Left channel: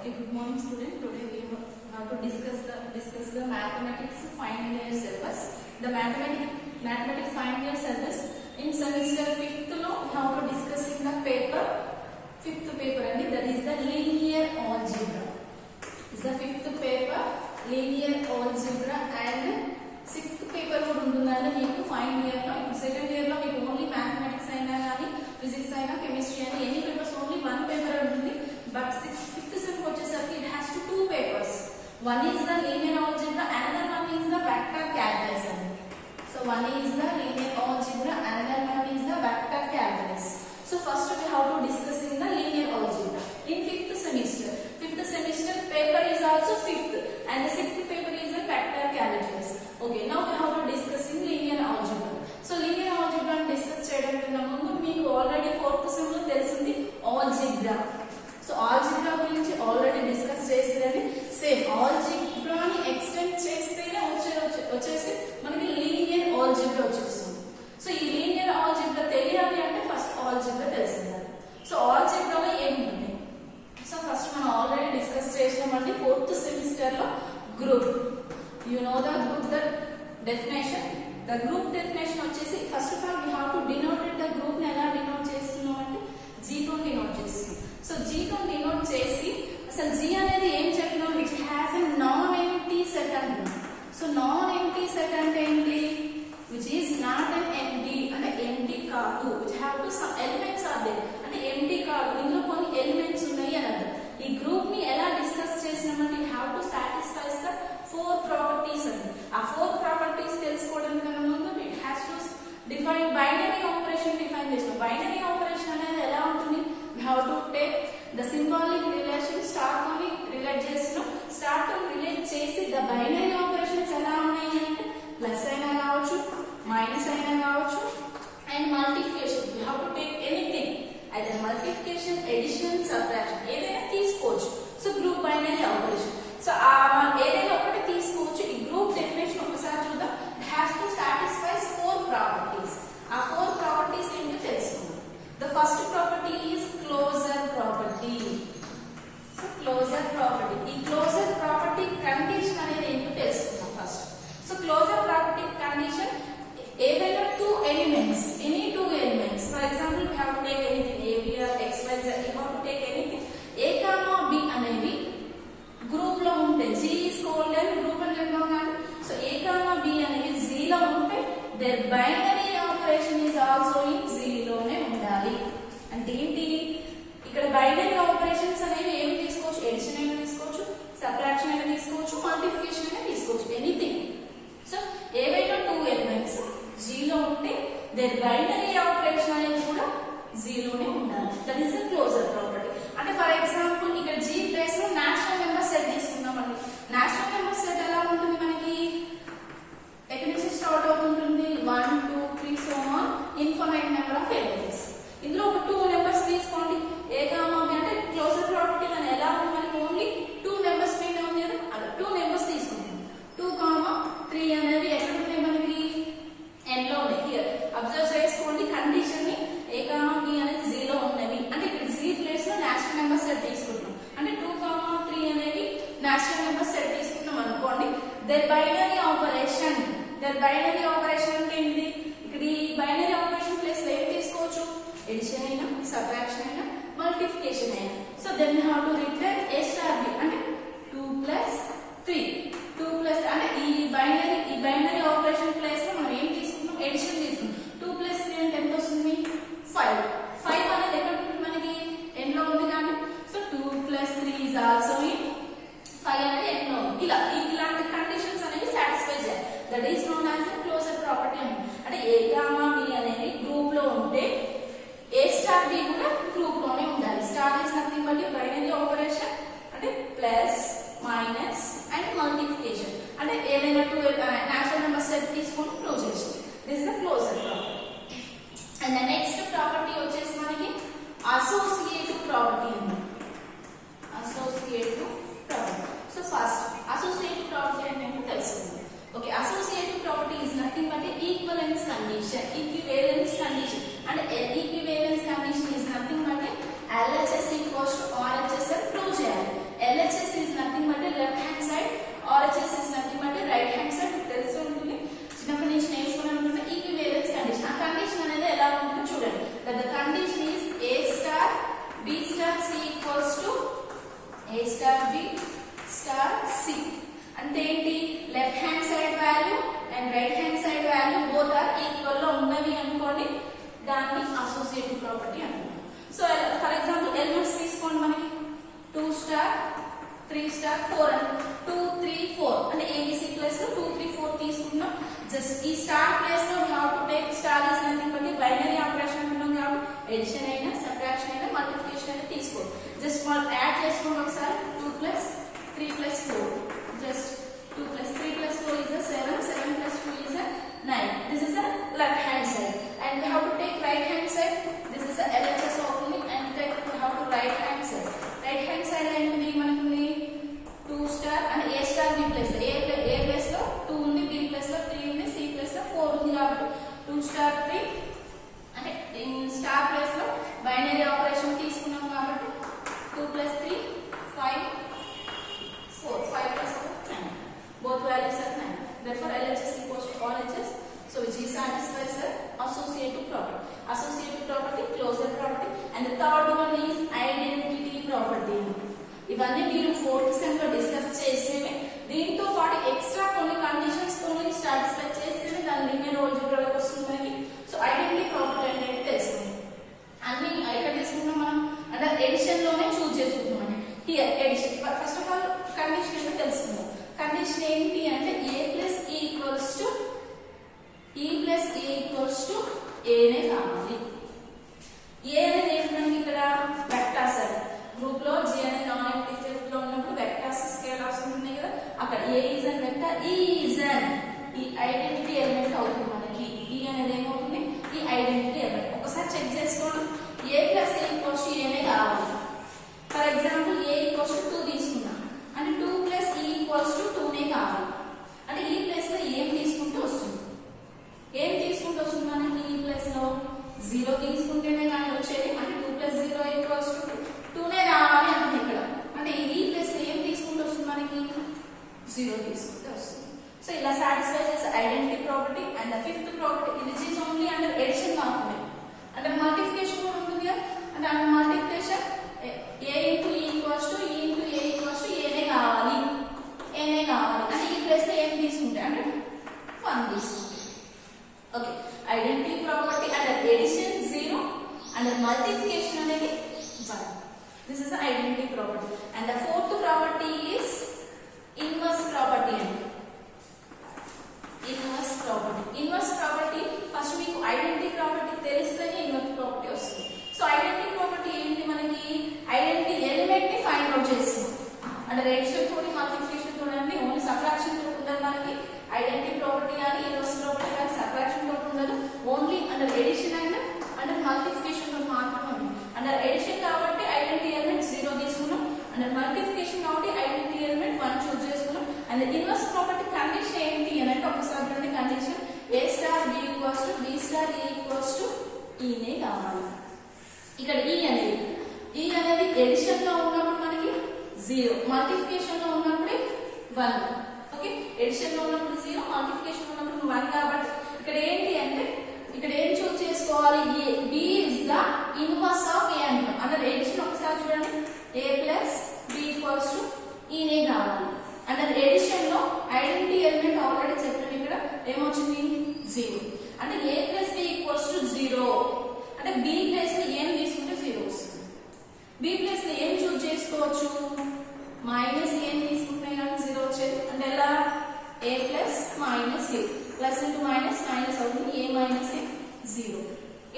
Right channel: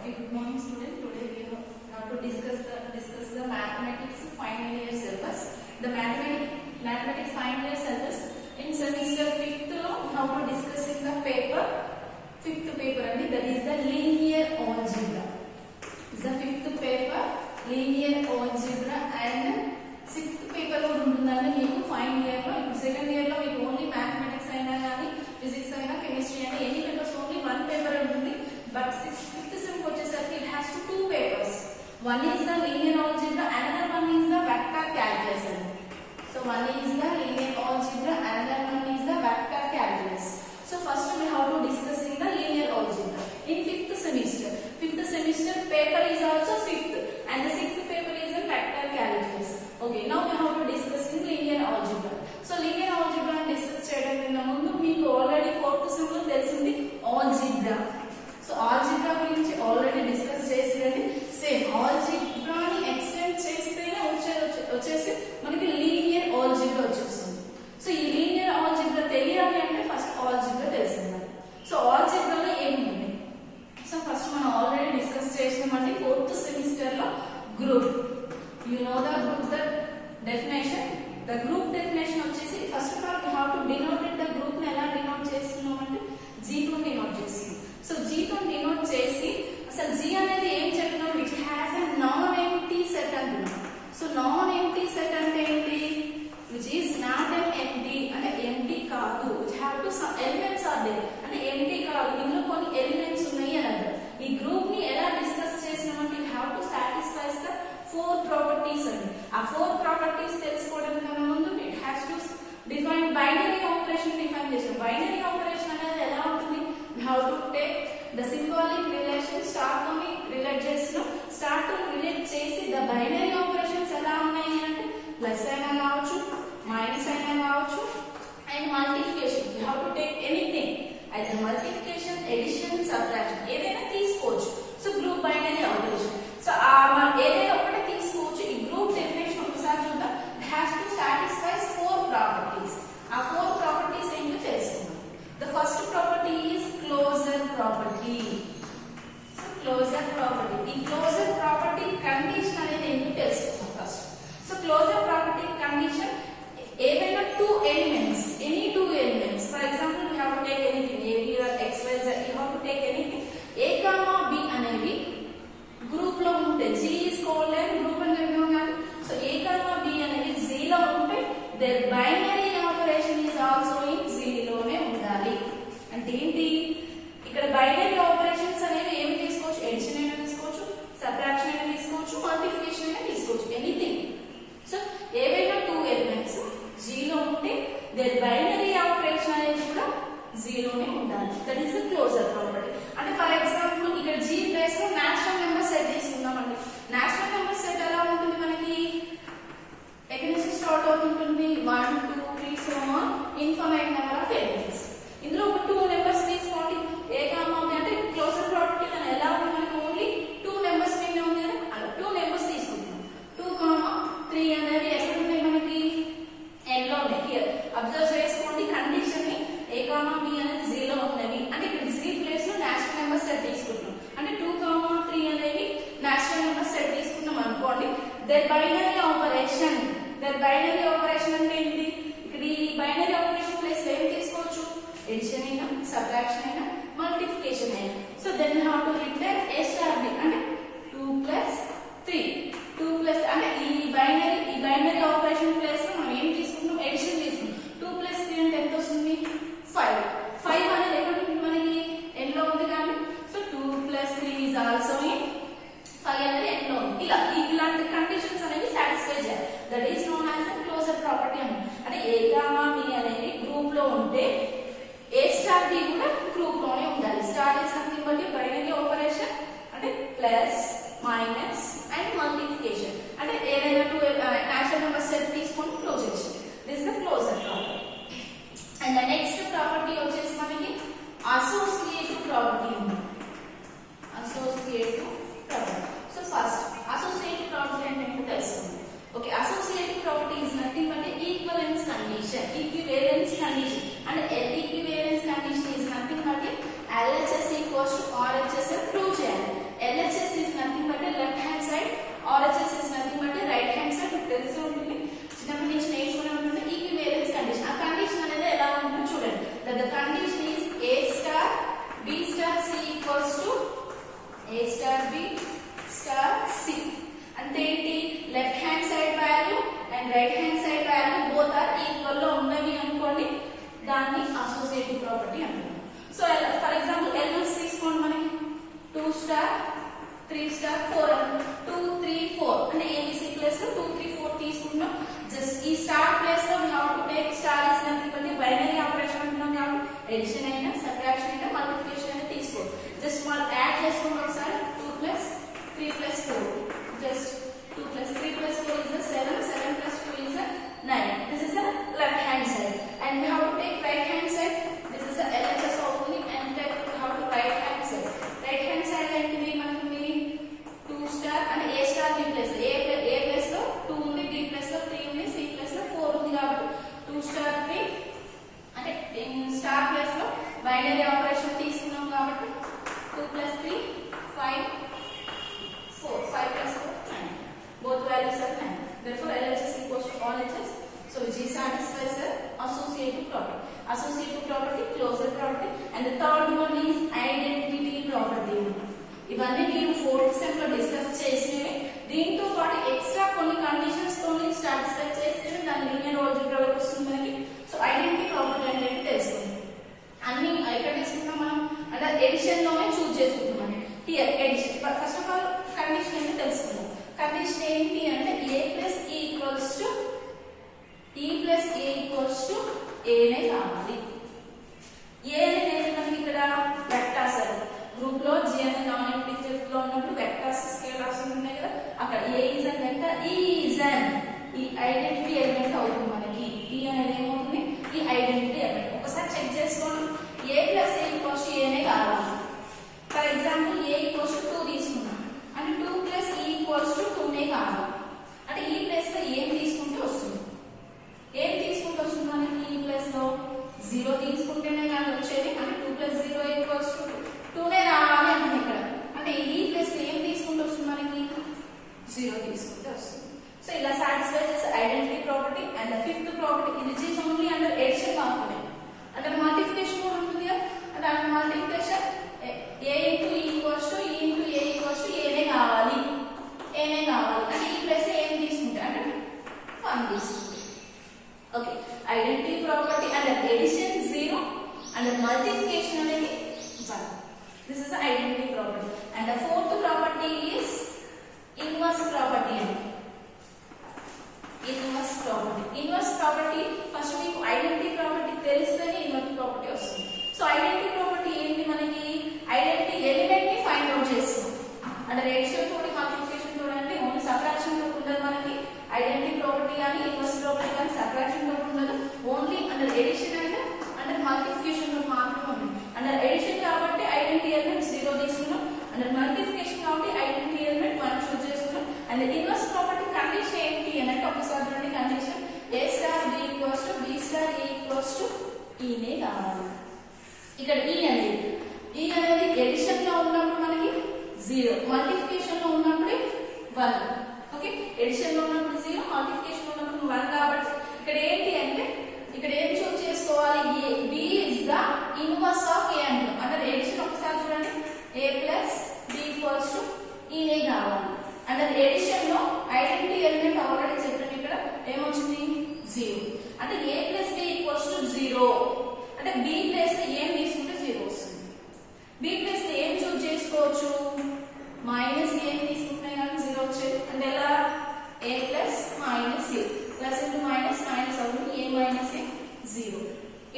Okay, good morning student. Today we have to discuss the mathematics final year syllabus. The mathematics final year syllabus in semester 5th lo how to discuss in the paper 5th paper and that is the linear algebra. Is the 5th paper linear algebra and 6th paper kuda untundani meeku final year lo. Second year lo meeku only mathematics aina gaani physics aina chemistry aina any papers only one paper untundi. But 5th sem వచ్చేసరికి it has two papers. One is the linear algebra, another one is the vector calculus. So one is the linear algebra, another one is the vector calculus. So first we have to discuss in the linear algebra in 5th semester. 5th semester paper is also 5th and the 6th paper is the vector calculus. Okay, now we have to discuss in linear algebra. So linear algebra discuss చేయడానికి ముందు మీకు already 4th sem లో తెలిసింది algebra. So algebra గురించి already discuss చేసినది same algebra ని extend చేస్తేనే వచ్చేసి మనకి లీనియర్ algebra వచ్చేస్తుంది. సో ఈ లీనియర్ algebra తెలియాలి అంటే ఫస్ట్ algebra తెలిసిండాలి. సో algebra లో ఏముంది? సో ఫస్ట్ మనం ఆల్రెడీ డిస్కస్ చేసినామండి 4th సెమిస్టర్ లో group. You know the group the definition. The group definition వచ్చేసి first of all we have to denote the group ని ఎలా డినోట్ చేస్తున్నాం అంటే G తో డినోట్ చేస్తున్నాం. సో G తో డినోట్ చేసి అసలు G అనేది ఏం చెప్పినాం, which has a non empty set అంటున్నాం. సో నాన్ ఎంప్టీ సెట్ అంటే ఏంటి? Which is not an empty అంటే ఎంప్టీ కాదు. Which have to some elements are there అంటే ఎంప్టీ కాదు, ఇందులో కొన్ని ఎలిమెంట్స్ ఉన్నాయి అని అర్థం. ఈ గ్రూప్ ని ఎలా డిస్కస్ చేసినామంటే it have to satisfies the 4 properties అని. ఆ 4 ప్రాపర్టీస్ తెలుసుకోవడం కన్నా ముందు it has to define binary operation define చేసాం. బైనరీ ఆపరేషన్ అనేది ఎలా ఉంటుంది? We have to take the symbolic relation start toni relate చేస్తున్నాం. స్టార్ట్ తో రిలేట్ చేసి the binary operations ఎలా ఉన్నాయి అంటే ప్లస్ అయినా కావచ్చు, మైనస్ అయినా కావచ్చు and multiplication. we have to take anything, either multiplication, addition, subtraction ఏదైనా తీసుకోవచ్చు. So group binary operation. So మనం ఏదైనా ఒకటి తీసుకోవచ్చు. ఈ గ్రూప్ డెఫినేషన్ ఒకసారి చూద్దాం. it has to satisfy 4 properties. ఆ 4 properties ఏంటో తెలుసుకుందాం. The first property is closure property. So closure property. ఈ closure property condition అనేది ఏంటో తెలుసుకుందాం first. So closure property condition ఏదైనా 2 elements, any 2 elements. For example, we have to take anything A, B or X, Y, Z. You have to take anything. A, B అనేవి group లో ఉంటే G is called as group and rectangle. So A, B అనేవి Z లో ఉంటే their binary operation is also in Z లోనే ఉండాలి. అంటే ఏంటి? ఇక్కడ బైనరీ ఆపరేషన్స్ అనేవి ఏమి తీసుకోవచ్చు? ఎడిషన్ అయినా తీసుకోవచ్చు, సబ్ట్రాక్షన్ అయినా తీసుకోవచ్చు, మల్టిప్లికేషన్ అయినా తీసుకోవచ్చు, ఎనీథింగ్. సో ఏవైనా 2 ఎలిమెంట్స్ G లో ఉంటే దేర్ బైనరీ ఆపరేషన్ అనేది కూడా Z లోనే ఉండాలి. That is the closure property. అంటే ఫర్ ఎగ్జాంపుల్ ఇక్కడ G ప్లేస్ లో నేచురల్ నెంబర్ సెట్ తీసుకున్నామండి. నేచురల్ నెంబర్ సెట్ ఎలా ఉంటుంది మనకి? ఎక్కడి నుంచి స్టార్ట్ అవుతుంటుంది? 1 2 3 so on infinite number of elements. ఇందులో ఒక 2 నెంబర్స్ తీసుకోండి. A, B అంటే క్లోజర్ ప్రాపర్టీ అని ఎలా ఉంది? మనకి ఓన్లీ 2 నెంబర్స్ మీద ఉంది కదా, అలా 2 నెంబర్స్ తీసుకుంటాం. 2, 3 అనేది ఎక్కడ ఉన్నాయి మనకి? n లో ఉన్నాయి. హియర్ అబ్జర్వ్ చేసుకోండి కండిషన్ ని. A, B అనేది Z లో ఉన్నవి అంటే ఇక్కడ Z ప్లేస్ లో నేచురల్ నెంబర్ సెట్ తీసుకుంటాం. అంటే 2, 3 అనేది నేచురల్ నెంబర్ సెట్ తీసుకున్నాం అనుకోండి. దేర్ బైనరీ ఆపరేషన్ అంటే ఏంటి? ఇక్కడ ఈ బైనరీ ఆపరేషన్ ప్లేస్ లో ఏం తీసుకోవచ్చు? ఎడిషన్ అయినా, సబ్ట్రాక్షన్ అయినా, మల్టిప్లికేషన్ అయినా. So then you have to replace A star B అంటే 2 + 3. 2 ప్లస్ అంటే ఈ బైనరీ ఆపరేషన్ ప్లేస్ లో మనం ఏం తీసుకుంటాం? ఎడిషన్ తీసుకుంటాం. 2 + 3 అంటే ఎంత వస్తుంది? 5. 5 అనేది ఎక్కడ ఉంటుంది మనకి? n లో ఉంది కానీ. సో 2 + 3 is also in 5 అనేది n లో ఉంది. ఇలాంటి కండిషన్స్ అనేవి సాటిస్ఫై చేయాలి. That is known as the closure property అంటే A, B అనేది గ్రూప్ లో ఉంటే A స్టార్ B కూడా గ్రూప్ లోనే ఉండాలి. Star is nothing but binary A star B star C. అంటే ఏంటి, left hand side value and right hand side value both are equal లో ఉన్నవి అనుకోండి, దాన్ని అసోసియేటివ్ ప్రాపర్టీ అంటున్నాం. సో ఫర్ ఎగ్జాంపుల్ ఎలిమెంట్స్ తీసుకోండి, మనకి 2 స్టార్ 3 స్టార్ 4 2 3 4 అంటే ABC ప్లేస్ లో 2 3 4 తీసుకున్నాం. జస్ట్ ఈ స్టార్ ప్లేస్ లో we have to take star is nothing but binary operation అంటున్నాం కాబట్టి ఎడిషన్ అయినా సబ్ట్రాక్షన్ అయినా మల్టిప్లికేషన్ అయినా తీసుకో. జస్ట్ మనం యాడ్ చేసుకోండి ఒకసారి. 2 plus 3 plus 4 just 2 plus 3 plus 4 is a 7, 7 plus 2 is a 9. This is the left hand side and we have to take right hand side. This is the LHS only and then we have to right hand side. Right hand side ఏంటిది మనకి 2 star and A star B plus A plus లో 2 ఉంది, B plus లో 3 ఉంది, C plus లో 4 ఉంది కాబట్టి 2 star 3 అంటే స్టార్ ప్లేస్ లో బైనరీ ఆపరేషన్ తీసుకున్నాం కాబట్టి 2 plus 3 5 4 5 plus 4 9. Both values are 9. Therefore LHS equals to all HS. So which is satisfies the associative property. Associative property, closure property, and the third one is identity property. ఇవన్నీ మీరు 4th sem లో discuss చేసేవి. దీంతో పాటు extra కొన్ని conditions తోని satisfy చేసేవి దాని లీనియర్ ఆల్జీబ్రాలోకి వస్తుంది మనకి. సో ఐడెంటిటీ ప్రాపర్టీ ఏంటంటే తెలుస్తుంది. అన్ని ఎక్కడ తీసుకుంటాం మనం అంటే ఎడిషన్ లోనే చూస్ చేసుకుంటాం. Here addition first of all condition ఏంటో తెలుసుకుందాం. కండిషన్ ఏంటి అంటే A plus E equals to A నే కావాలి. A అనేది మనకి ఇక్కడ వెక్టార్స్ అది గ్రూప్ లో G అనే నాన్ ఇంటిజర్ లో ఉన్నప్పుడు వెక్టార్స్ స్కేలార్స్ ఉన్నాయి కదా, అక్కడ A is an vector, E is an ఈ ఐడెంటిటీ ఎలిమెంట్ అవుతుంది మనకి. E అనేది ఏమవుతుంది, ఈ ఐడెంటిటీ ఎలిమెంట్. ఒకసారి చెక్ చేసుకోండి. A plus A equals to A నే కావాలి. For example A equals to 2 తీసుకున్నాం అంటే 2 plus E equals to 2 నే కావాలి. అంటే ఈ ప్లేస్ లో ఏం తీసుకుంటే వస్తుంది, ఏం తీసుకుంటే వస్తుంది మనకి ఈ ప్లేస్ లో 0 తీసుకుంటేనే కానీ వచ్చేది. అంటే 2 plus 0 equals to 2 నే రావాలి అంటే ఇక్కడ అంటే ఈ ప్లేస్ లో ఏం తీసుకుంటే వస్తుంది మనకి 0 తీసుకుంటే వస్తుంది. సో ఇలా సాటిస్ఫై చేసే identity property. And fifth property ఇది ఈజ్ ఓన్లీ అండర్ ఎడిషన్ మాత్రమే. అంటే మల్టిప్లికేషన్ కూడా ఉంటుంది కదా, అంటే under multiplication A into E equals to E into A equals to A నే కావాలి, A నే కావాలి. అంటే ఈ ప్లేస్ లో ఏం తీసుకుంటే అంటే 1 తీసుకుంటే. Okay, identity property under addition 0 under multiplication అనేది 1. This is the identity property. And the fourth property is inverse property అండి. Inverse property. Inverse property first మీకు ఐడెంటిటీ ప్రాపర్టీ తెలిస్తేనే ఇన్వర్స్ ప్రాపర్టీ వస్తుంది. సో ఐడెంటిటీ ప్రాపర్టీ ఏంటి మనకి, identity element ని find out చేస్తుంది. అంటే రేషియో తోటి మల్టిప్లికేషన్ తోటి ఓన్లీ సబ్ట్రాక్షన్ తోటి ఉండదు మనకి. ఐడెంటిటీ ప్రాపర్టీ కానీ ఇన్వర్స్ ప్రాపర్టీ కానీ సబ్ట్రాక్షన్ తోటి ఉండదు, only under addition and under multiplication తోటి మాత్రమే ఉంది. అండర్ ఎడిషన్ కాబట్టి ఐడెంటిటీ ఎలిమెంట్ 0 తీసుకున్నాం, అండర్ మల్టిప్లికేషన్ కాబట్టి ఐడెంటిటీ ఎలిమెంట్ 1 చూస్ చేసుకున్నాం. అండ్ ఇన్వర్స్ ప్రాపర్టీ కండిషన్ ఏంటి అని అంటే ఒకసారి చూడండి. Condition A star B equals to B star A equals to E నే కావాలి. ఇక్కడ E అనేది ఎడిషన్ లో ఉన్నప్పుడు మనకి 0, మల్టిప్లికేషన్ లో ఉన్నప్పుడు 1. ఓకే, ఎడిషన్ లో ఉన్నప్పుడు 0, మల్టిప్లికేషన్ లో ఉన్నప్పుడు 1 కాబట్టి ఇక్కడ ఏంటి అంటే ఇక్కడ ఏం చూస్ చేసుకోవాలి, B is the inverse of A అంటాం. అంటే ఎడిషన్ ఒకసారి చూడండి. A plus B equals to E నే కావాలి. అంటే ఎడిషన్ లో ఐడెంటిటీ ఎలిమెంట్ ఆల్రెడీ చెప్పాను ఇక్కడ ఏమొచ్చింది 0. అంటే A plus B equals to 0 అంటే B ప్లేస్ లో ఏం తీసుకుంటే 0 వస్తుంది. B ప్లేస్ లో ఏం చూస్ చేసుకోవచ్చు, మైనస్ ఏం తీసుకుంటే కానీ 0 వచ్చేది. అంటే ఎలా A plus minus A plus into minus minus అవుతుంది, A minus A 0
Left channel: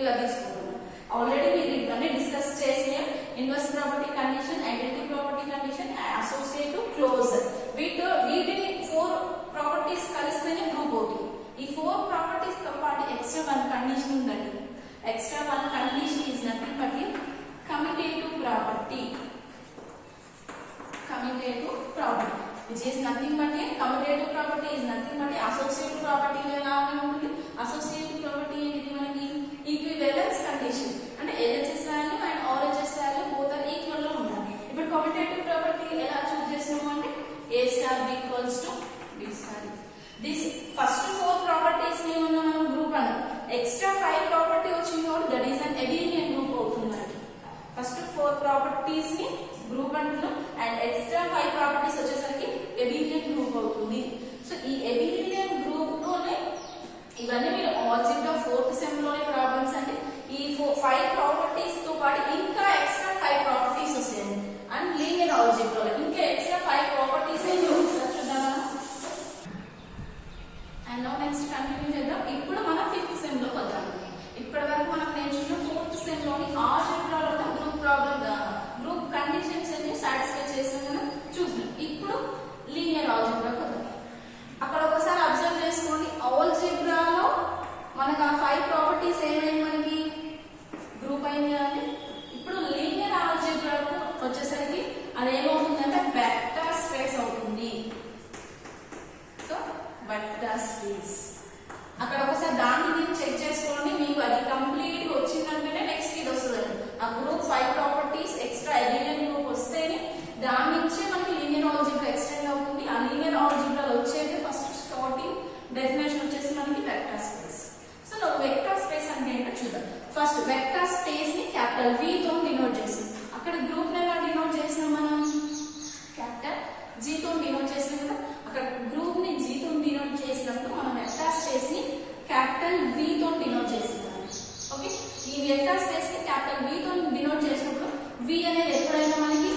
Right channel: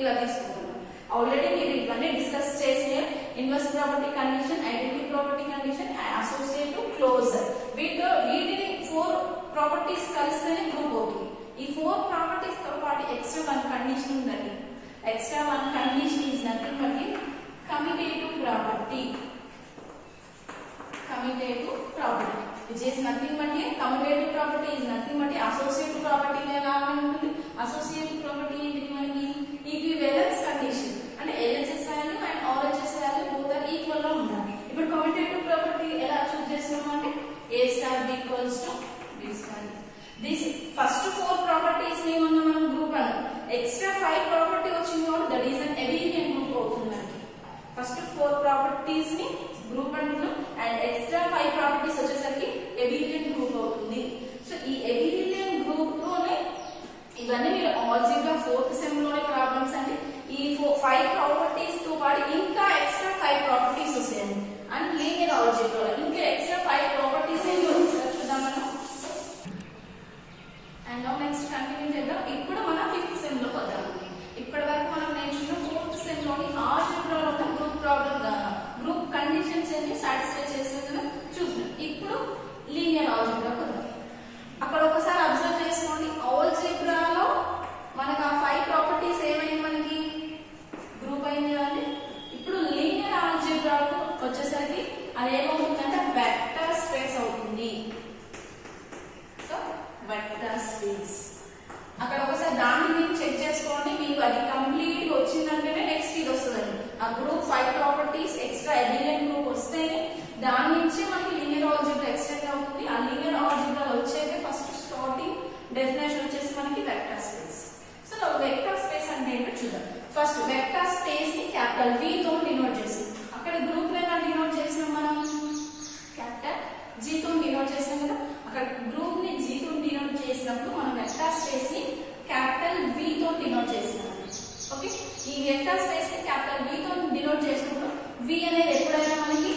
ఇలా తీసుకుంటున్నాం. ఆల్రెడీ మీరు ఇవన్నీ డిస్కస్ చేసిన inverse property condition, identity property condition, associative, closure, వీటిని 4 ప్రాపర్టీస్ కలిస్తేనే గ్రూప్ అవుతుంది. ఈ 4 ప్రాపర్టీస్ తో పాటు ఎక్స్ట్రా 1 కండిషన్ ఉందండి. Extra one condition is nothing but a commutative property. Commutative property, which is nothing but a commutative property is nothing but a associative property లాగానే ఉంటుంది. Associative property ఏంటి మనకి equivalence condition. అంటే LHS value and RHS value both are equal గా ఉండాలి. ఇప్పుడు commutative property ఎలా చూస్ చేస్తాము అంటే A star B equals to B star. This first 4 properties ని ఉన్న మనం గ్రూప్ అన్న ఎక్స్ట్రా 5 ప్రాపర్టీ వచ్చింది కాబట్టి that is an Abelian group అవుతుందండి. ఫస్ట్ 4 ప్రాపర్టీస్ ని గ్రూప్ అంటున్నాం అండ్ 5 ప్రాపర్టీస్ వచ్చేసరికి ఎబిలియన్ గ్రూప్ అవుతుంది. సో ఈ ఎబిలియన్ గ్రూప్ లోనే ఇవన్నీ మీరు ఆల్జీబ్రా 4th సెమ్ లోనే ప్రాబ్లమ్స్ అండి. ఈ 5 ప్రాపర్టీస్ తో పాటు ఇంకా ఎక్స్ట్రా 5 ప్రాపర్టీస్ వస్తాయండి. అండ్ లీనియర్ ఆల్జీబ్రా ఇంకా ఎక్స్ట్రా 5 ప్రాపర్టీస్ చూద్దాం మనం. అండ్ నౌ నెక్స్ట్ కంటిన్యూ చేద్దాం. ఇప్పుడు మనం 5th సెమ్ లోకి వద్దాం. ఇప్పటి వరకు మనం నేర్చుకున్న 4th సెమ్ లోని ఆల్జీబ్రాలో ఉన్న గ్రూప్ ప్రాబ్లమ్ గ్రూప్ కండిషన్స్ అన్ని సాటిస్ఫై చేసాం కదా చూద్దాం. ఇప్పుడు లీనియర్ ఆల్జీబ్రాకి వద్దాం. అక్కడ ఒకసారి అబ్జర్వ్ చేసుకోండి. ఆల్జీబ్రాలో మనకు ఆ 5 ప్రాపర్టీస్ ఏమైంది, మనకి గ్రూప్ అయింది కదండి. ఇప్పుడు లీనియర్ ఆల్జీబ్రాకు వచ్చేసరికి అది ఏమవుతుందంటే వెక్టర్ స్పేస్ అవుతుంది. సో వెక్టర్ స్పేస్ అక్కడ ఒకసారి దాన్ని మీరు చెక్ చేసుకోండి. మీకు అది కంప్లీట్ వచ్చిందంటేనే నెక్స్ట్ ఇది వస్తుందండి. ఆ గ్రూప్ 5 ప్రాపర్టీస్ ఎక్స్ట్రా ఎబిలియన్ గ్రూప్ వస్తేనే దాని నుంచే మనకి లీనియర్ ఆల్జీబ్రా ఎక్స్టెండ్ అవుతుంది. ఆ లీనియర్ ఆల్జీబ్రా వచ్చేది ఫస్ట్ స్టార్టింగ్ డెఫినేషన్ వచ్చేసి మనకి vector space. So vector space అంటే ఏంటో చూద్దాం. ఫస్ట్ వెక్టర్ స్పేస్ ని క్యాపిటల్ V తో డినోట్ చేసి, అక్కడ గ్రూప్ నెంబర్ డినోట్ చేసినాం మనం క్యాపిటల్ G తో డినోట్ చేసినాం కదా. అక్కడ గ్రూప్ ని G తో డినోట్ చేసినప్పుడు మనం వెక్టర్ స్పేస్ ని క్యాపిటల్ V తో డినోట్ చేసినాం. ఓకే, ఈ వెక్టర్ స్పేస్ ని క్యాపిటల్ V తో డినోట్ చేసినప్పుడు V అనేది ఎప్పుడైనా మనకి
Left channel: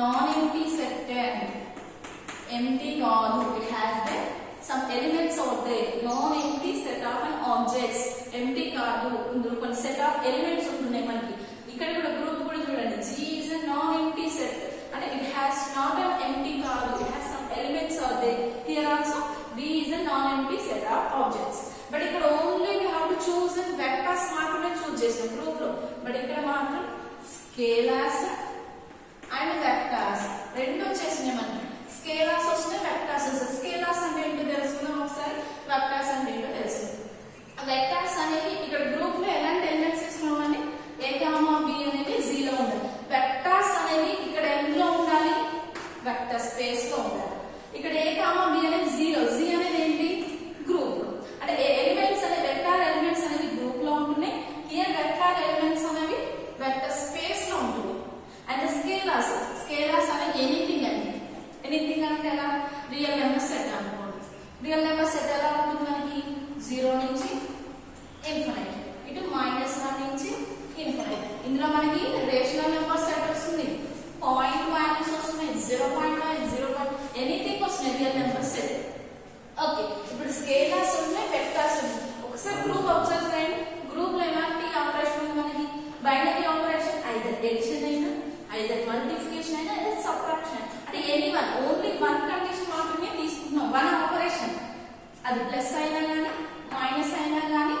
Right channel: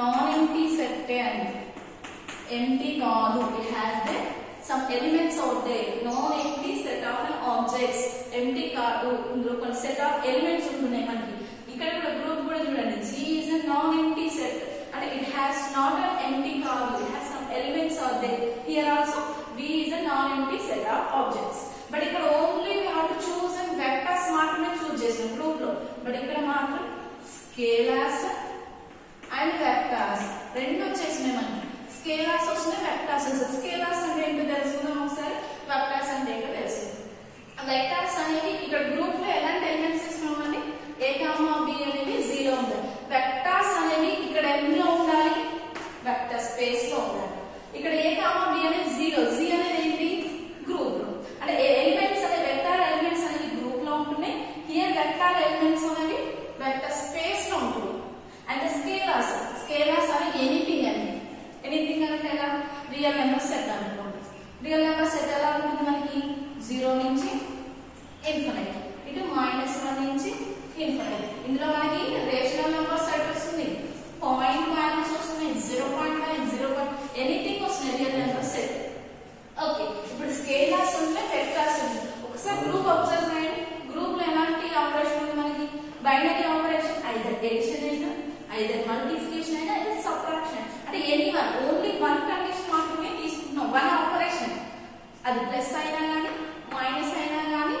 నాన్ ఎంప్టీ సెట్ అండి, ఎంప్టీ కాదు. It has the some elements out there, non-empty set of an objects. empty కాదు, ఇందులో కొన్ని set of elements ఉంటున్నాయి మనకి. ఇక్కడ కూడా గ్రూప్ కూడా చూడండి, G is a non-empty set అంటే it has not an empty కాదు, it has some elements out there. Here also V is a non-empty set of objects. But ఇక్కడ only we have to choose and vectors మాత్రమే చూస్ చేసాం group లో. But ఇక్కడ మాత్రం scalars and vectors రెండు వచ్చేసినాయి మనకి. స్కేలార్స్ వస్తున్నాయి, వెక్టర్స్ వస్తాయి. స్కేలార్స్ అంటే ఏంటో తెలుసుకుందాం ఒకసారి, వెక్టర్స్ అంటే ఏంటో తెలుసుకుందాం. వెక్టర్స్ అనేవి ఇక్కడ గ్రూప్ లో ఎలాంటి ఎలిమెంట్స్ తీసుకున్నామండి, A, B అనేది 0 ఉండాలి. వెక్టర్స్ అనేవి ఇక్కడ ఎందులో ఉండాలి, వెక్టర్ స్పేస్ లో ఉండాలి. ఇక్కడ A, B అనేది 0, Z అనేది ఏంటి గ్రూప్ అంటే ఎలిమెంట్స్ అనే వెక్టర్ ఎలిమెంట్స్ అనేవి గ్రూప్ లో ఉంటున్నాయి. హియర్ వెక్టర్ ఎలిమెంట్స్ అనేవి వెక్టర్ స్పేస్ లో ఉంటుంది. అండ్ స్కేలార్స్ అనేది ఎనీథింగ్ అండి. ఎనీథింగ్ అంటే ఎలా, రియల్ నెంబర్ సెట్ అనుకోండి. రియల్ నెంబర్ సెట్ ఎలా ఉంటుంది మనకి 0 నుంచి ఇన్ఫినిటీ, ఇటు -1 నుంచి ఇన్ఫినిటీ. ఇందులో మనకి రేషనల్ నెంబర్ సెట్ వస్తుంది, పాయింట్ వాల్యూస్ వస్తున్నాయి, 0.9, 0. ఎనీథింగ్ వస్తున్నాయి రియల్ నెంబర్ సెట్. ఓకే, ఇప్పుడు స్కేలార్స్ ఉన్నాయి, వెక్టర్స్ ఉన్నాయి. ఒకసారి గ్రూప్ అబ్జర్వ్ చేయండి. గ్రూప్ లో ఎలాంటి ఆపరేషన్ ఉంది మనకి, బైనరీ ఆపరేషన్, ఐదర్ ఎడిషన్ అయినా, ఐదర్ మల్టిప్లికేషన్ అయినా, ఐదర్ సబ్ట్రాక్షన్. అంటే ఎనీవన్, ఓన్లీ 1 కండిషన్ మాత్రమే తీసుకుంటున్నాం, 1 ఆపరేషన్. అది ప్లస్ అయినా కానీ, మైనస్ అయినా కానీ,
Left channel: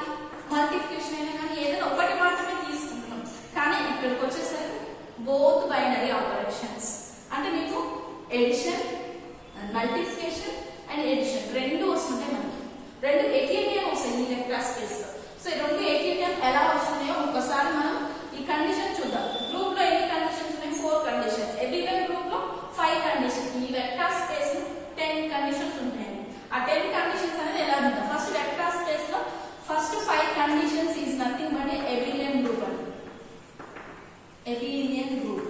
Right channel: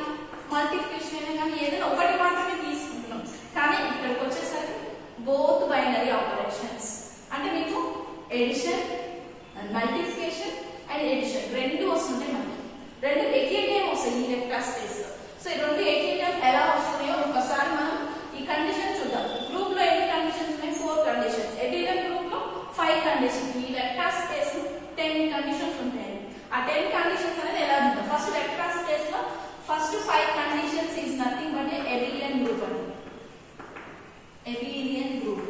మల్టిప్లికేషన్ అయినా కానీ ఏదైనా ఒకటి మాత్రమే తీసుకుంటున్నాం. కానీ ఇక్కడికి వచ్చేసరికి బోత్ బైనరీ ఆపరేషన్స్ అంటే మీకు ఎడిషన్, మల్టిప్లికేషన్ అండ్ ఎడిషన్ రెండు వస్తుంటాయి మనకి. రెండు ఎకేటిఎం వస్తాయి ఈ వెక్టర్ స్పేస్ లో. సో ఈ రెండు ఎకేటిఎం ఎలా వస్తున్నాయో ఒకసారి మనం ఈ కండిషన్ చూద్దాం. గ్రూప్ లో ఎన్ని కండిషన్స్ ఉన్నాయి, 4 కండిషన్స్. ఎబిలియన్ గ్రూప్ లో 5 కండిషన్స్. ఈ వెక్టర్ స్పేస్ 10 కండిషన్స్ ఉంటాయి. ఆ 10 కండిషన్స్ అనేది ఎలా చూద్దాం. ఫస్ట్ వెక్టర్ స్పేస్ లో first 5 conditions is nothing but abelian group అండి. ఎబిలియన్ గ్రూప్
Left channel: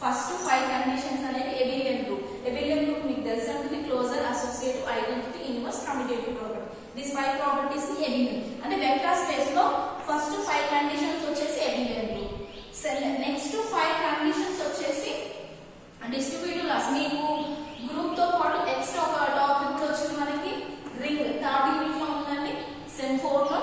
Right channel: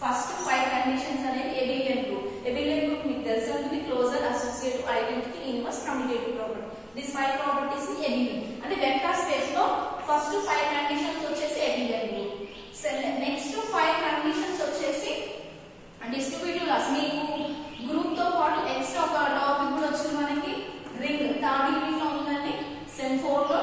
ఫస్ట్ 5 కండిషన్స్ అనేవి ఎబిలియన్ గ్రూప్. ఎబిలియన్ గ్రూప్ మీకు తెలిసి ఉంటుంది, closure, associative, identity, inverse, commutative property. This 5 properties ని ఎబిలియన్ అంటే వెక్టర్ స్పేస్ లో ఫస్ట్ 5 కండిషన్స్ వచ్చేసి ఎబిలియన్ గ్రూప్. నెక్స్ట్ 5 కండిషన్స్ వచ్చేసి డిస్ట్రిబ్యూటివ్ లాస్. మీకు గ్రూప్ తో పాటు ఎక్స్ట్రా ఒక టాపిక్ కూడా వచ్చింది మనకి, రింగ్. థర్డ్ యూనిట్ లో ఉందండి, సెమ్ 4 లో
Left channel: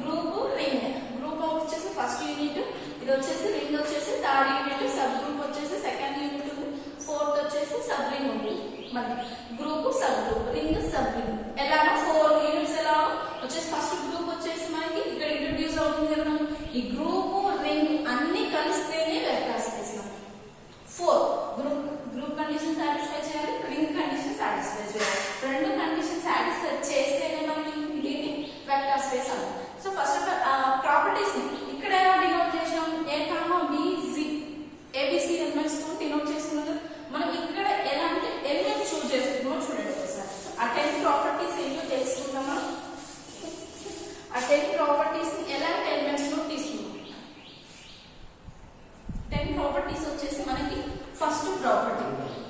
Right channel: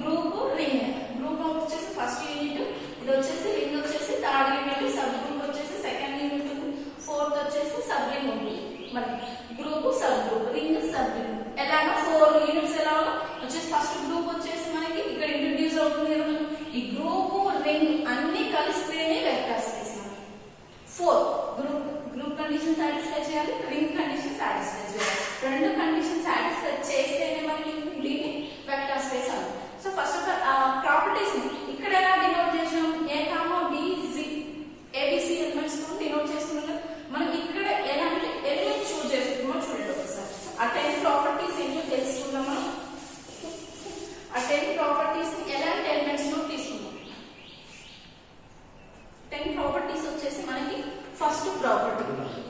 గ్రూప్ రింగ్. గ్రూప్ వచ్చేసి ఫస్ట్ యూనిట్, ఇది వచ్చేసి రింగ్ వచ్చేసి థర్డ్ యూనిట్, సబ్ గ్రూప్ వచ్చేసి సెకండ్ యూనిట్ ఉంది, ఫోర్త్ వచ్చేసి సబ్ రింగ్ ఉంది. మరి group, sub group, ring, sub ring ఎలాగో 4 యూనిట్స్ ఎలాగో వచ్చేసి ఫస్ట్ గ్రూప్ వచ్చేసి మనకి ఇక్కడ ఇంట్రొడ్యూస్ అవుతుంది కదా. ఈ గ్రూప్, రింగ్ అన్ని కలిస్తేనే vector space. 4 group condition satisfy చేయాలి, రింగ్ కండిషన్ సాటిస్ఫై చేయాలి. రెండు కండిషన్ సాటిస్ఫై చేస్తేనే మనకి లీనియర్ వెక్టర్ స్పేస్ అవుతుంది. So first of all properties ఇక్కడ ఎలా డినోట్ చేసాం, A, B, Z, ABC elements denote చేసుకున్నాం. మనం ఇక్కడ ఎలాంటి ఎలిమెంట్స్ చూస్ చేసుకున్నామో చూడండి ఒకసారి. ఆ 10 ప్రాపర్టీస్ ఏంటో తెలుసుకుందామా. ఆ 10 ప్రాపర్టీస్ ఎలాంటి ఎలిమెంట్స్ తీసుకున్నాం. 10 ప్రాపర్టీస్ వచ్చేసి మనకి ఫస్ట్ ప్రాపర్టీ.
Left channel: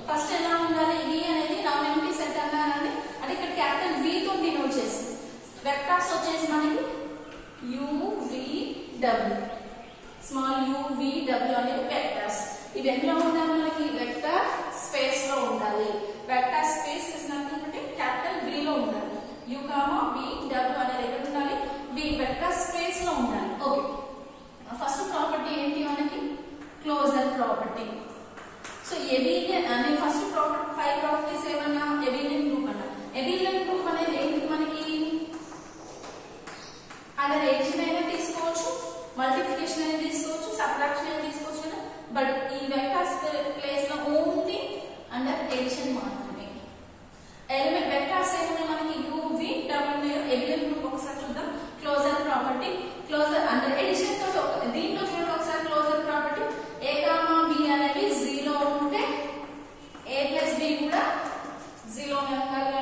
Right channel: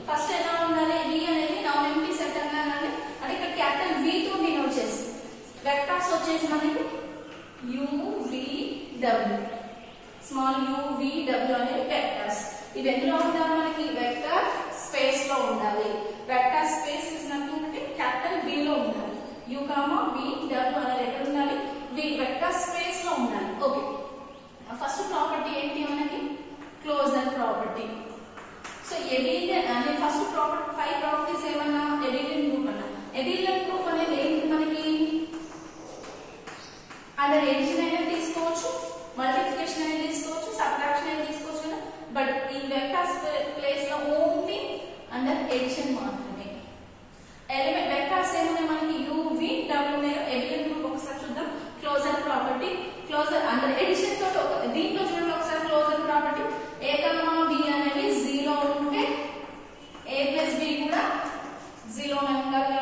ఫస్ట్ ఎలా ఉండాలి, వి అనేది నాన్ ఎంప్టీ సెట్ అన్నానండి, అంటే ఇక్కడ క్యాపిటల్ వి తో డినోట్ చేసి వెక్టార్స్ వచ్చేసి మనకి UVW, స్మాల్ UVW అనేవి వెక్టార్స్. ఇవి ఎందులో ఉండాలి, మనకి వెక్టర్ స్పేస్ లో ఉండాలి. వెక్టర్ స్పేస్ ఇస్ నథింగ్ అంటే క్యాపిటల్ వి లో ఉండాలి. U, VW అనేది ఎక్కడ ఉండాలి, వి వెక్టర్ స్పేస్ లో ఉండాలి. ఓకే, ఫస్ట్ ప్రాపర్టీ ఏంటి మనకి, క్లోజర్ ప్రాపర్టీ. సో ఎబిలియన్ అనే ఫస్ట్ ప్రాపర్టీ 5 ప్రాపర్టీస్ ఏమన్నా, ఎబిలియన్ గ్రూప్ అన్న. ఎబిలియన్ గ్రూప్ అనేది ఏంటి మనకి, అండర్ ఎడిషన్ అయినా తీసుకోవచ్చు, మల్టిప్లికేషన్ అయినా తీసుకోవచ్చు, సబ్ట్రాక్షన్ అయినా తీసుకోవచ్చు కదా. బట్ ఈ వెక్టర్స్ ప్లేస్ లో ఓన్లీ అండర్ ఎడిషన్ మాత్రమే. ఎలిమెంట్ వెక్టర్స్ ఏమున్నాయి మనకి, UVW ఉన్నాయో. ఎబిలియన్ గ్రూప్ ఒకసారి చూద్దాం. Closure property, closure under addition తో దీంట్లో చూడండి ఒకసారి. క్లోజర్ ప్రాపర్టీ A, B అనేవి 0 ఉంటే A ప్లస్ B కూడా 0 నే ఉండాలి.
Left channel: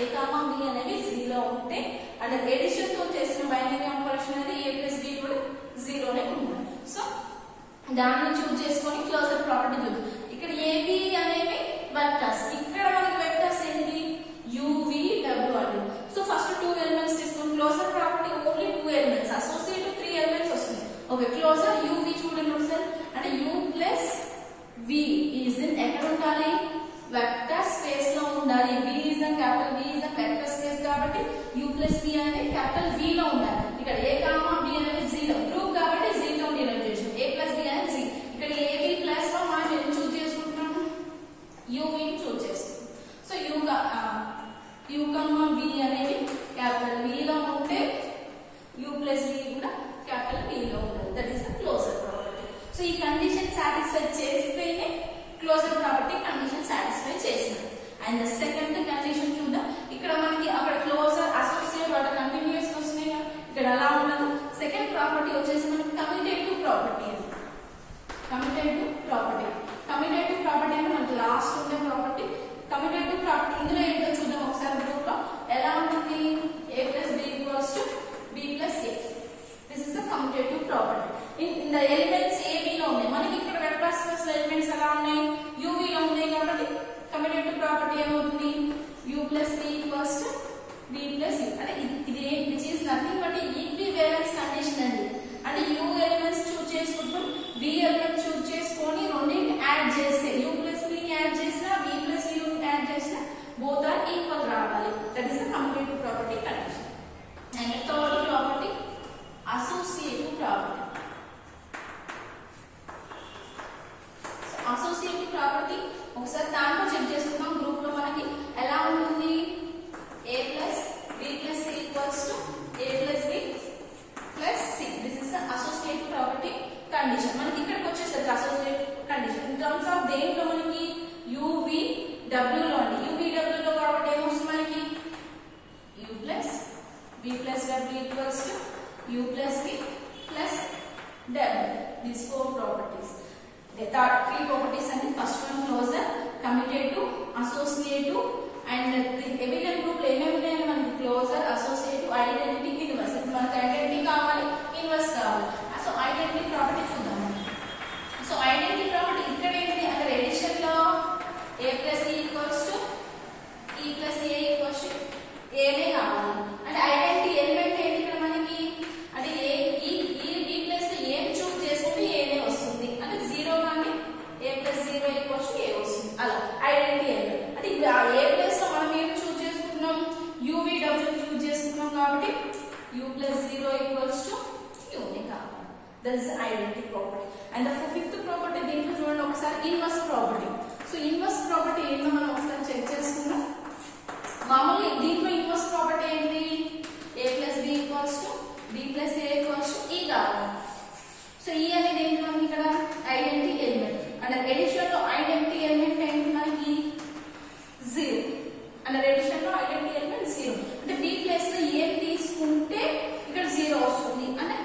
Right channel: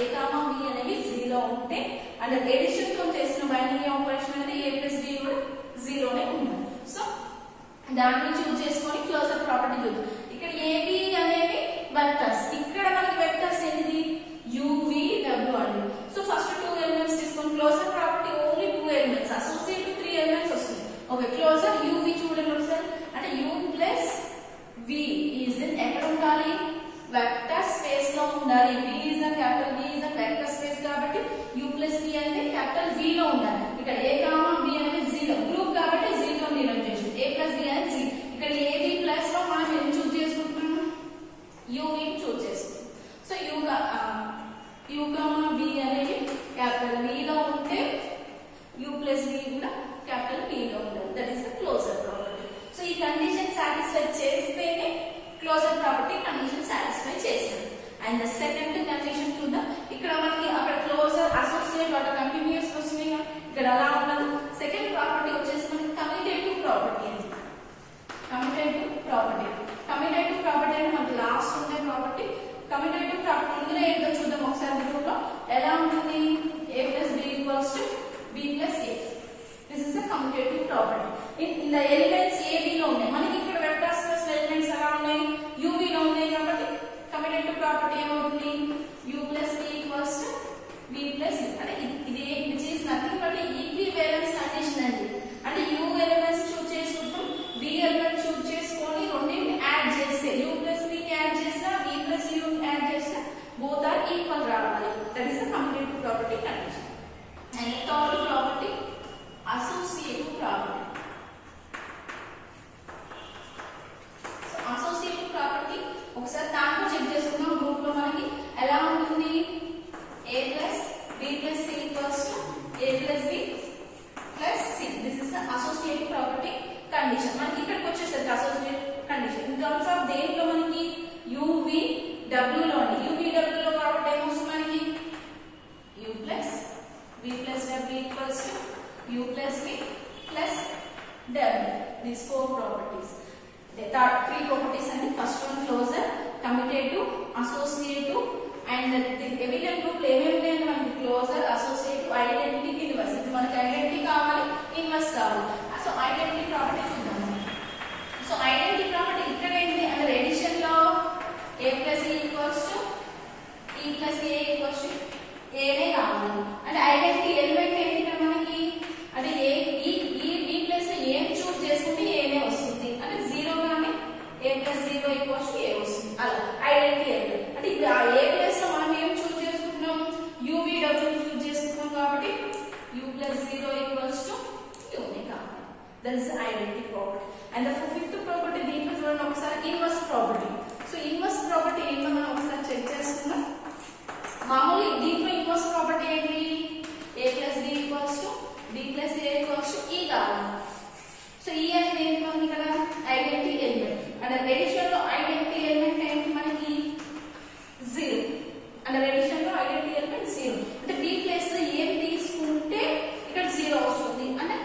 A, B అనేవి 0 ఉంటే అండర్ ఎడిషన్ తో చేసిన బైనరీ ఆపరేషన్ అనేది A ప్లస్ B కూడా 0 నే ఉండాలి. సో దాన్ని చూస్ చేసుకొని క్లోజర్ ప్రాపర్టీ చూద్దాం. ఇక్కడ AB అనేవి వెక్టర్స్, ఇక్కడ మనకి వెక్టర్స్ ఏంటి, UVW అంటే. సో ఫస్ట్ 2 ఎలిమెంట్స్ తీసుకొని closure property only 2 elements, associate 3 elements వస్తుంది. ఓకే, క్లోజర్ UV చూడండి ఒకసారి, అంటే U plus V is in ఎక్కడ ఉండాలి, వెక్టర్ స్పేస్ లో ఉండాలి. V is in capital V is in vector space కాబట్టి U ప్లస్ V అనేది క్యాపిటల్ V లో ఉండాలి. ఇక్కడ A, B అనేది 0 గ్రూప్ కాబట్టి 0 తో డినోట్ చేసాం. A ప్లస్ B అనేది 0. ఇక్కడ AB ప్లస్ లో మనం ఏం చూస్ చేసుకుంటున్నాము, UV చూస్ చేసుకుంటాం. సో U, V అనేది క్యాపిటల్ V లో ఉంటే U ప్లస్ V కూడా క్యాపిటల్ V లో ఉండాలి. That is the closure property. So ఈ కండిషన్ సాటిస్ఫై చేస్తేనే క్లోజర్ ప్రాపర్టీ కండిషన్ సాటిస్ఫై చేసింది. అండ్ ద సెకండ్ కండిషన్ చూద్దాం. ఇక్కడ మనకి అక్కడ క్లోజర్ అసోసియేట్ వాటి కంటిన్యూస్ వస్తున్నాయి, ఇక్కడ అలా ఉండదు. సెకండ్ ప్రాపర్టీ వచ్చేసి మనకి commutative property. Commutative property, commutative property అంటే మనకి లాస్ట్ ఉండే ప్రాపర్టీ. కమ్యూటేటివ్ ప్రాపర్టీ ఇందులో ఏంటో చూద్దాం ఒకసారి. గ్రూప్ లో ఎలా ఉంటుంది, A plus B equals to B plus A. This is the commutative property. In the elements A, B లో ఉన్నాయి. మనకి ఇక్కడ వెక్టర్ స్పేస్ లో ఎలిమెంట్స్ ఎలా ఉన్నాయి, UV లో ఉన్నాయి కాబట్టి కమ్యూటేటివ్ ప్రాపర్టీ ఏమవుతుంది, U plus B equals to B plus A. అంటే ఇది which is nothing but equivalence condition అండి. అంటే U ఎలిమెంట్స్ చూస్ చేసుకుంటాం, B ఎలిమెంట్ చూస్ చేసుకొని రెండింటిని యాడ్ చేస్తే U ప్లస్ B ని యాడ్ చేసినా B ప్లస్ U ని యాడ్ చేసినా బోత్ ఆర్ ఈక్వల్ రావాలి. That is the commutative property condition. And third property associative property. Associative property ఒకసారి దాంట్లో చెక్ చేసుకున్నాం. గ్రూప్ లో మనకి ఎలా ఉంటుంది, A plus B plus C equals to A plus B plus C. This is the associative property condition. మనకి ఇక్కడికి వచ్చేసరికి associative condition in terms of దేంట్లో మనకి UVW లో అండి. UVW లో కాబట్టి ఏమొస్తుంది మనకి, U plus B plus W equals to U plus B plus W. These 4 properties. The third 3 properties and the first one closure, commutative, associative, and the evident group ఏమేమి మనకి క్లోజర్, అసోసియేటివ్, ఐడెంటిటీ, ఇన్వర్స్. మనకి identity కావాలి, inverse కావాలి. So identity property చూద్దాం. So identity property ఇక్కడ ఏంటి, under edition లో A plus E equals to E plus A equals to A నే కావాలి. అంటే ఐడెంటిటీ ఎలిమెంట్ ఏంటి ఇక్కడ మనకి, అంటే B ప్లస్ A ని చూస్ చేసుకుంటే A నే వస్తుంది. అంటే 0 గానీ A plus 0 equals to A వస్తుంది. అలా ఐడెంటిటీ ఎలిమెంట్. అంటే A ప్లస్ లో మనం ఏం చూస్ చేసుకుంటున్నాం, UVW చూస్ చేసుకుంటున్నాం కాబట్టి U plus 0 equals to U నే కావాలి. That is identity property. And the fifth property దీంట్లో చూడండి ఒకసారి, inverse property. So inverse property ఏంటో మనం ఒకసారి చెక్ చేసుకుందాం. మామూలు దీంట్లో ఇన్వర్స్ ప్రాపర్టీ ఏంటి, A plus B equals to B plus A equals to E కావాలి. సో E అనేది ఏంటి మనకి ఇక్కడ ఐడెంటిటీ ఎలిమెంట్. అండ్ ఎడిషన్ లో ఐడెంటిటీ ఎలిమెంట్ ఏంటి మనకి 0. అండ్ ఎడిషన్ లో ఐడెంటిటీ ఎలిమెంట్ 0. అంటే B ప్లస్ లో ఏం తీసుకుంటే ఇక్కడ 0 వస్తుంది. అంటే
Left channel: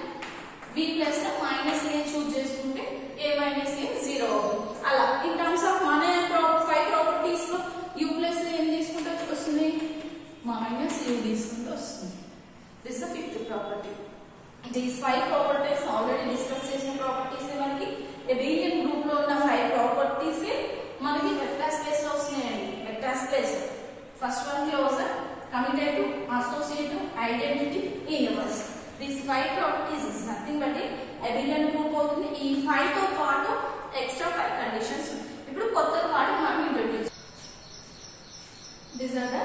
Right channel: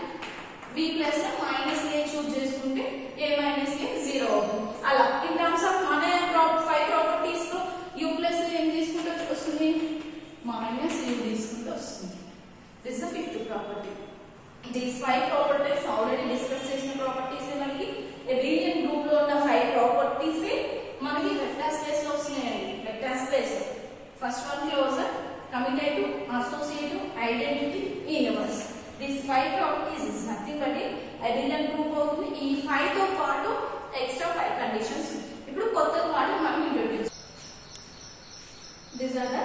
B ప్లస్ లో మైనస్ A చూస్ చేసుకుంటే A మైనస్ A 0 అవుతుంది. అలా ఇన్ టర్మ్స్ ఆఫ్ మన 5 ప్రాపర్టీస్ లో identity, universe. These 5 properties is nothing but a abelian group అవుతుంది. ఈ 5 తో పాటు ఎక్స్ట్రా 5 కండిషన్స్. ఇప్పుడు కొత్త వాటిని మనం introduce. These are the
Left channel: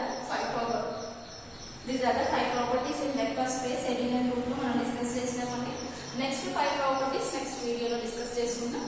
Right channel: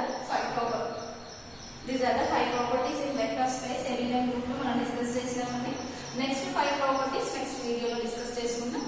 5 properties in vector space abelian group లో మనం డిస్కస్ చేసినామండి. నెక్స్ట్ 5 properties నెక్స్ట్ వీడియోలో డిస్కస్ చేసుకుందాం.